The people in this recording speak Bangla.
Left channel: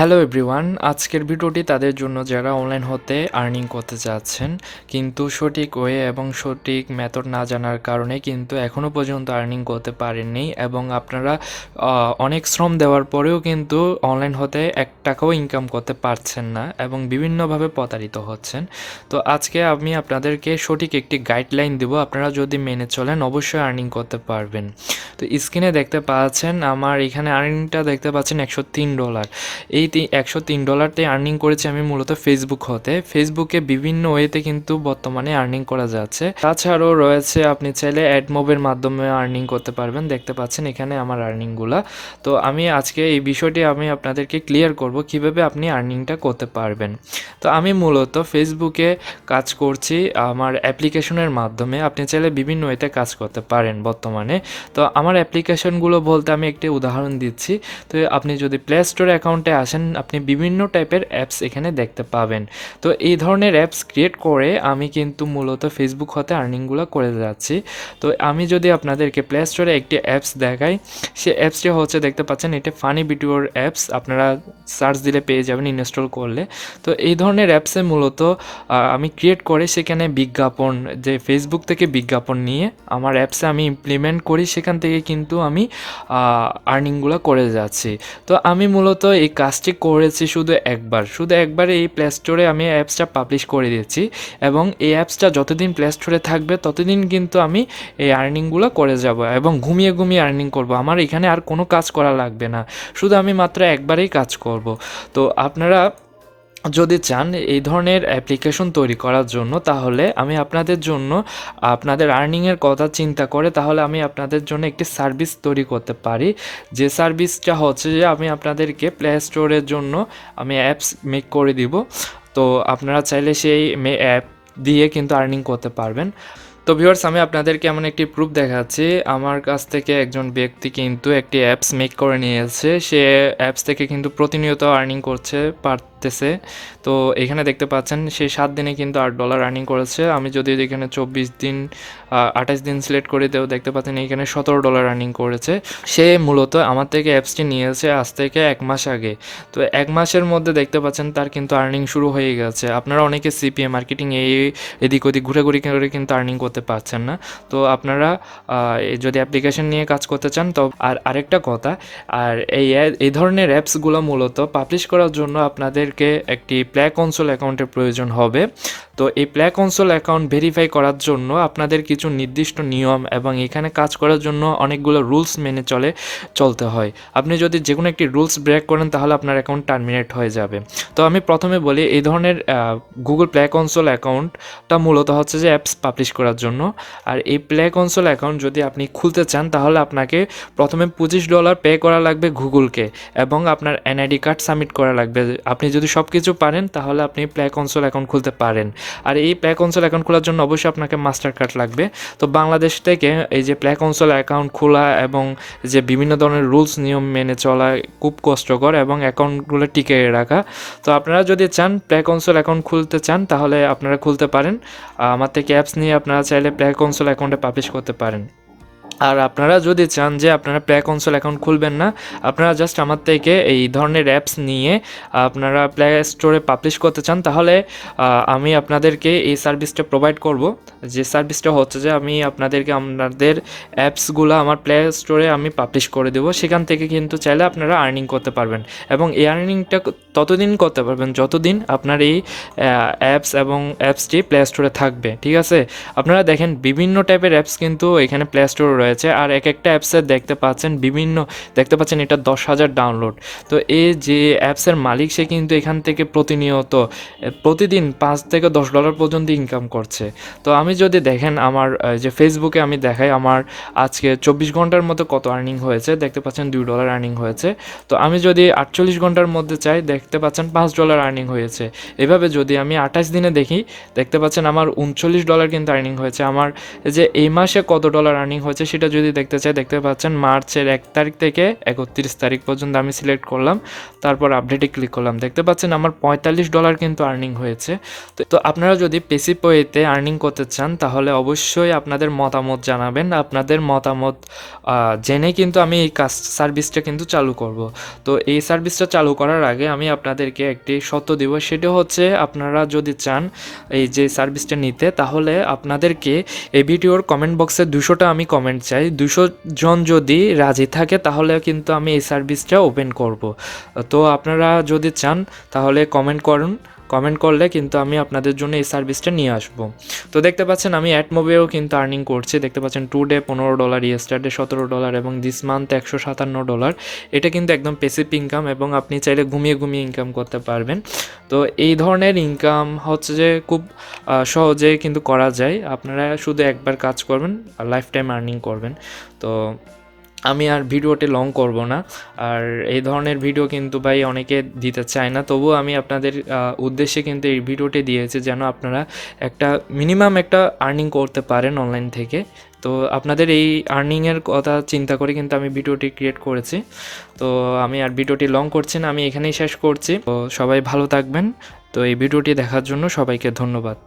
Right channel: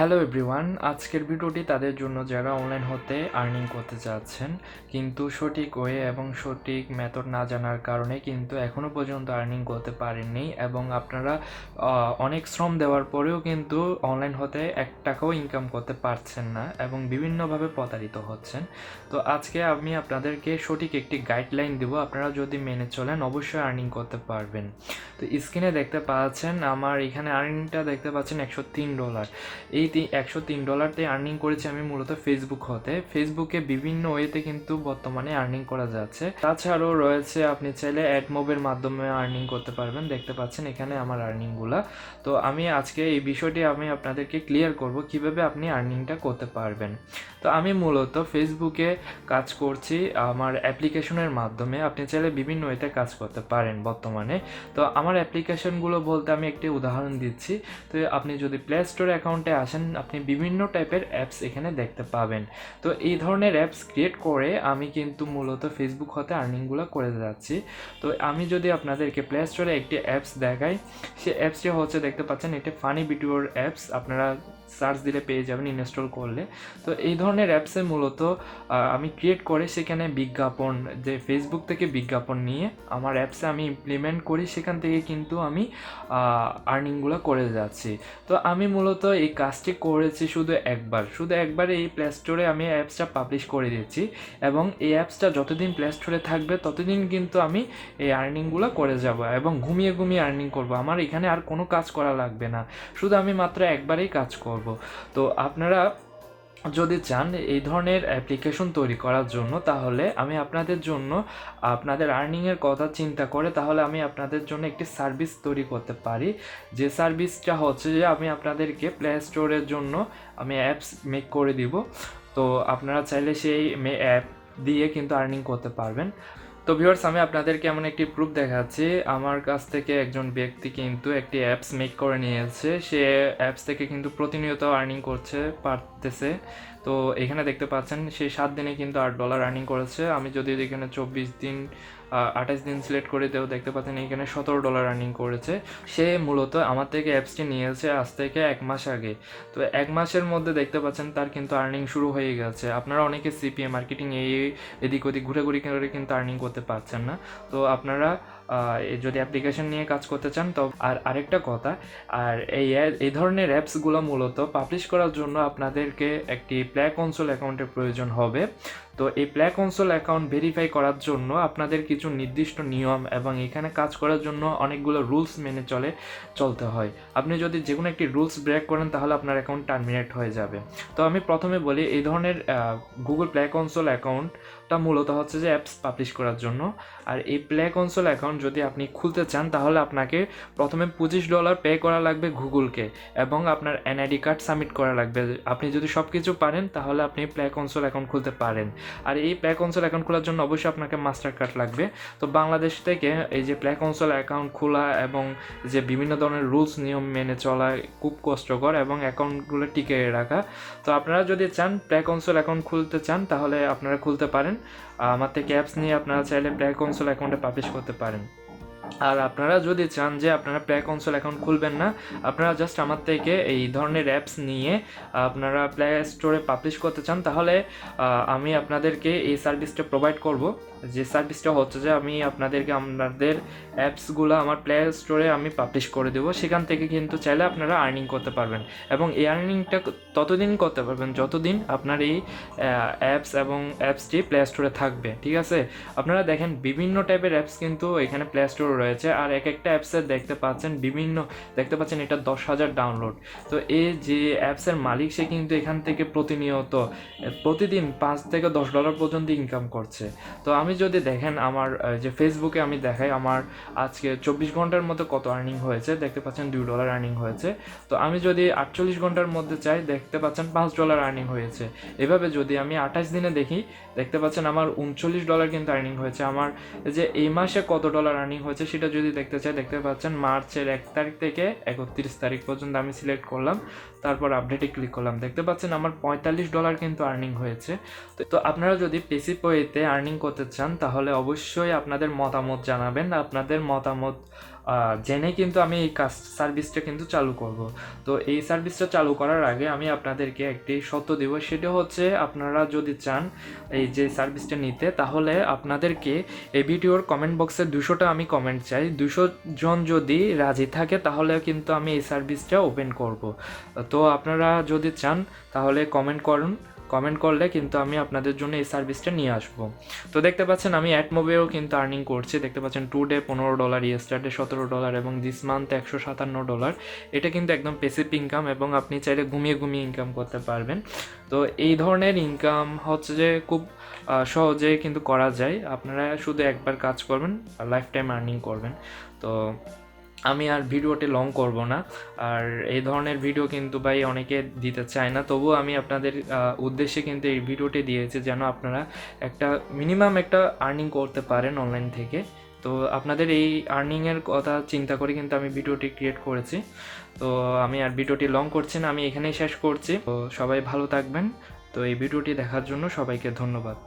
হ্যালো এভরিওয়ান, আজকের ভিডিওটি তাদের জন্য যারা অনলাইন হতে আর্নিং করতে চাচ্ছেন কিন্তু সঠিক ওয়ে এবং সঠিক মেথড না জানার কারণে কিন্তু এখনও পর্যন্ত আর্নিং করতে পারেননি এবং আপনারা অনেক শ্রম দেওয়ার পরেও কিন্তু অনলাইন হতে 1 টাকাও ইনকাম করতে পারছেন না এবং বিভিন্নভাবে প্রতারিত হচ্ছেন। তো আজকে আমি আপনাদেরকে সঠিক একটি গাইডলাইন দেব, আপনারা যদি মেনে চলেন অবশ্যই আর্নিং করতে পারবেন। তো স্ক্রিনে দেখতে পাচ্ছেন আমার এখানে আর্নিংটা দেখতে পাচ্ছেন $103। এই $103 আর্নিং করেছি আমি মূলত ফেসবুক হতে। ফেসবুকে বিভিন্ন ওয়েতে কিন্তু বর্তমানে আর্নিং করা যাচ্ছে। তাছাড়াও রয়েছে আপনি চাইলে অ্যাড মোবের মাধ্যমে আর্নিং করতে পারবেন। দেখতে পাচ্ছেন এখানে আমার আর্নিংগুলা। তো আমি আজকে এই বিষয়টি আমি আপনাদেরকে ক্লিয়ার করব কিভাবে আপনি আর্নিংটা করতে পারবেন। তো আমি মূলত ফেসবুকে কাজ করছি আমার অ্যাপ্লিকেশনের মাধ্যমে। আপনি চাইলে বিভিন্ন ওয়েতে কাজ করতে পারেন বর্তমানে। তো আমার অ্যাপ্লিকেশনগুলো বলতে আমি একটি উদাহরণ দিচ্ছি। তো আপনি যদি প্লে স্টোর অ্যাকাউন্টে আসেন আপনি বিভিন্ন টাইপের অ্যাপস এখানে দেখতে পাবেন। তো এই ধরনের অ্যাপস ক্রিয়েট করে আমি কিন্তু মূলত ফেসবুক হতে আর্নিংগুলো করে যাচ্ছি। তো আমি যদি আপনাদেরকে প্লে স্টোরে একটি অ্যাপস দেখাই, সে অ্যাপসটি হচ্ছে দেখতে পাচ্ছেন এটা ফানি ভিডিওর অ্যাপস, আপনারা সার্চ দিলে পেয়ে যাবেন ইনস্টল করলে। তো এই ধরনের অ্যাপসে মূলত আমি ক্রিয়েট করে সেখানে বিজ্ঞাপন, যে ফেসবুক থেকে বিজ্ঞাপন নিয়ে আমার অ্যাপসে আমি ইমপ্লিমেন্ট করি, সেখান থেকে কিন্তু আমি আর্নিংগুলো করে যাচ্ছি। তো আমি মূলত এই কাজটি করেছি শুধু একবার এই প্লে স্টোরে আমি অ্যাপসটা পাবলিশ করে দিয়েছি এবং এই অ্যাপসটা যতদিন প্লে স্টোরে থাকবে ততদিন কিন্তু আমি এই আর্নিংগুলো করে যাব এবং ঘুমিয়ে আর্নিং করব। আমার এখানে আর কোনো কাজ করা লাগবে না, শুধু আমি মাত্র একবারেই কাজ করব। তো আপনারা যদি চান এই ধরনের অ্যাপ্লিকেশন তৈরি করার জন্য, তাহলে আমি আপনাদের জন্য আপনাদের আর্নিংয়ের কথা চিন্তা করে তাহলে আমি আপনাদের জন্য একটি সার্ভিস তৈরি করতে পারি। যে সার্ভিসটা হচ্ছে যে আমি আপনাদেরকে প্লে স্টোরের জন্য আমি অ্যাপস মেক করে দিব। তো আপনারা চাইলে সেই অ্যাপ দিয়ে কিন্তু আর্নিং করতে পারবেন। তো ভিউয়ার্স, আমি আপনাদেরকে এমন একটি প্রুফ দেখাচ্ছি। আমার কাছ থেকে একজন ব্যক্তি কিন্তু একটি অ্যাপস মেক করে নিয়েছে। সে অ্যাপস থেকে কিন্তু প্রতিনিয়ত আর্নিং করছে পারতেছে। তো এখানে দেখতে পাচ্ছেন সে 7 দিনে কিন্তু $8 আর্নিং করেছে। আমি যদি এখানে 24 দিন 28 দিন সিলেক্ট করে দেও, দেখতে পাচ্ছেন এখানে $17 আর্নিং করেছে। সে মূলত আমার থেকে অ্যাপসটি নিয়েছে আজ থেকে 1 মাস আগে। তো 1 মাসের মধ্যে দেখতে পাচ্ছেন তার কিন্তু আর্নিং শুরু হয়ে গেছে। আপনারা অনেকে CPA মার্কেটিং এদিক ওদিক ঘুরে করে কিন্তু আর্নিং করতে পারছেন না। তো আপনারা যদি অ্যাপ্লিকেশন নিয়ে কাজ করতে চান তো আরেকটা কথা, আর এই ধরনের অ্যাপসগুলো মূলত পাবলিশ করার জন্য আপনাদেরকে একটি প্লে কনসোল অ্যাকাউন্টের প্রয়োজন হবে। তো এই প্লে কনসোল অ্যাকাউন্ট ভেরিফাই করার জন্য আপনাদের কিছু নির্দিষ্ট নিয়ম এবং এখানে কাজ করার জন্য অনেকগুলো রুলস মেনে চলতে হয়। আপনি যদি যে কোনো একটি রুলস ব্রেক করেন তাহলে আপনার অ্যাকাউন্ট টার্মিনেট হয়ে যাবে। তো আমি প্রথমে বলি, এই ধরনের গুগল প্লে কনসোল অ্যাকাউন্টটা মূলত হচ্ছে যে অ্যাপস পাবলিশ করার জন্য। আর এই প্লে কনসোল অ্যাকাউন্ট যদি আপনি খুলতে চান তাহলে আপনাকে প্রথমে $25 পে করা লাগবে গুগলকে এবং আপনার NID কার্ড সাবমিট করা লাগবে। আপনি যদি সব কিছু পারেন তাহলে আপনি প্লে কনসোল অ্যাকাউন্ট খুলতে পারেন। আর এই প্লে কনসোল অ্যাকাউন্ট খোলার জন্য অবশ্যই আপনাকে মাস্টার কার্ড লাগবে। তো বাংলাদেশ থেকে এই যে প্লে কনসোল অ্যাকাউন্ট খোলা এবং যে বিভিন্ন ধরনের রুলস নিয়ম মেনে চলা খুব কষ্টকর এবং অ্যাকাউন্টগুলো টিকে রাখা। তো আপনারা যদি চান প্লে কনসোল অ্যাকাউন্ট খুলতে চান তাহলে আপনারা খুলতে পারেন। আমার থেকে অ্যাপস নিয়ে আপনারা চাইলে প্লে কনসোল অ্যাকাউন্টে পাবলিশ করতে পারেন। আর আপনারা যদি চান যে আপনারা প্লে কনসোল অ্যাকাউন্ট খুলবেন না, আপনারা জাস্ট আমার থেকে এই ধরনের অ্যাপস নিয়ে আপনারা প্লে স্টোরে পাবলিশ করতে চান, তাহলে আমি আপনাদেরকে এই সার্ভিসটা প্রোভাইড করব। যে সার্ভিসটা হচ্ছে যে আমি আপনাদেরকে আপনাদের অ্যাপসগুলো আমার প্লে স্টোরে আমি পাবলিশ করে দেবো। সেখান থেকে কিন্তু চাইলে আপনারা আর্নিং করতে পারবেন এবং এই আর্নিংটা ততদিন করতে পারবেন যতদিন আপনার এই অ্যাপস এবং অ্যাপসটি প্লে স্টোরে থাকবে। ঠিক আছে, আপনারা দেখেন বিভিন্ন টাইপের অ্যাপস কিন্তু এখানে প্লে স্টোরে রয়েছে আর এক একটা অ্যাপসের দেখতে পাচ্ছেন এটা 10,000 ডাউনলোড। তো এই যে অ্যাপসের মালিক সে কিন্তু এখান থেকে প্রতিদিন $5 থেকে $10 পর্যন্ত ইনকাম করছে। তো আমি যদি দেখেন আমার যে ফেসবুকে আমি দেখাই আমার আজকে 24 ঘন্টার মধ্যে কত আর্নিং হয়েছে, দেখতে পাচ্ছেন $2 আর্নিং হয়েছে। তো আমি যদি 48 ঘন্টার মধ্যে চাই, দেখতে পাচ্ছেন $5 আর্নিং হয়েছে। এভাবে যদি আমি 28 দিনে দেখি, দেখতে পাচ্ছেন আমার $39 কিন্তু আর্নিং হয়েছে। আমার যে এই মাসে কত ডলার আর্নিং হয়েছে সেটা রাশিটা যদি দেখতে চাই, দেখতে পাচ্ছেন মার্চের 1 তারিখ থেকে 31 তারিখ পর্যন্ত আমি সিলেক্ট করলাম, তারপর আপডেটে ক্লিক করলাম। দেখতে পাচ্ছেন আমার $45 কিন্তু আর্নিং হয়েছে। তো আপনারা যদি পেসিভ ওয়েতে আর্নিং করতে চান তাহলে অবশ্যই আপনাদের মতামত জানাবেন। আপনাদের মতামত জেনে কিন্তু আমি এই সার্ভিসটা কিন্তু চালু করব। তো এই সার্ভিসটা চালু করার আগে আমি আপনাদেরকে একটি শর্ত দেব, সেটা হচ্ছে আপনারা যদি চান এই যে সার্ভিসটা নিতে, তাহলে আপনাদেরকে এই ভিডিওর কমেন্ট বক্সে 200টা আমি কমেন্ট চাই। 200 জন যদি রাজি থাকে তাহলে কিন্তু আমি এই সার্ভিসটা ওপেন করব। তো আপনারা যদি চান তাহলে কমেন্ট করুন, কমেন্ট করলে কিন্তু আমি আপনাদের জন্য এই সার্ভিসটা নিয়ে আসবো। তো দেখতে পাচ্ছেন আমি অ্যাডমোবেও কিন্তু আর্নিং করছি। দেখতে পাচ্ছেন টুডে $15, ইয়েস্টারডে $17 এবং দিস মান্থ $157। এটা কিন্তু একদম পেসিভ ইনকাম এবং আপনি চাইলে ঘুমিয়ে ঘুমিয়ে ইনকাম করতে পারবেন। তো এই ধরনের ইনকাম হচ্ছে যে খুব সহজে কিন্তু করা যায়। আপনারা শুধু একবার কাজ করবেন আর লাইফ টাইম আর্নিং করবেন। তো আমি আর ভিডিওটি লং করব না, আর এই ধরনের ভিডিও কিন্তু ভাই অনেকে দিতে চায় না, তবুও আমি আপনাদের উদ্দেশ্যে কিন্তু এই ভিডিওটি দিয়েছি যেন আপনারা একটা মিনিমাম একটা আর্নিং করতে পারেন অনলাইন থেকে। তো আপনাদের এই আর্নিংয়ের কথা চিন্তা করে কিন্তু আমি ভিডিওটি ক্রিয়েট করেছি। তো আমি আর ভিডিওটি লং করছি না, আমি এখানেই শেষ করছি। তো সবাই ভালো থাকবেন। তো এই ভিডিওটি দেখার জন্য সবাইকে ধন্যবাদ।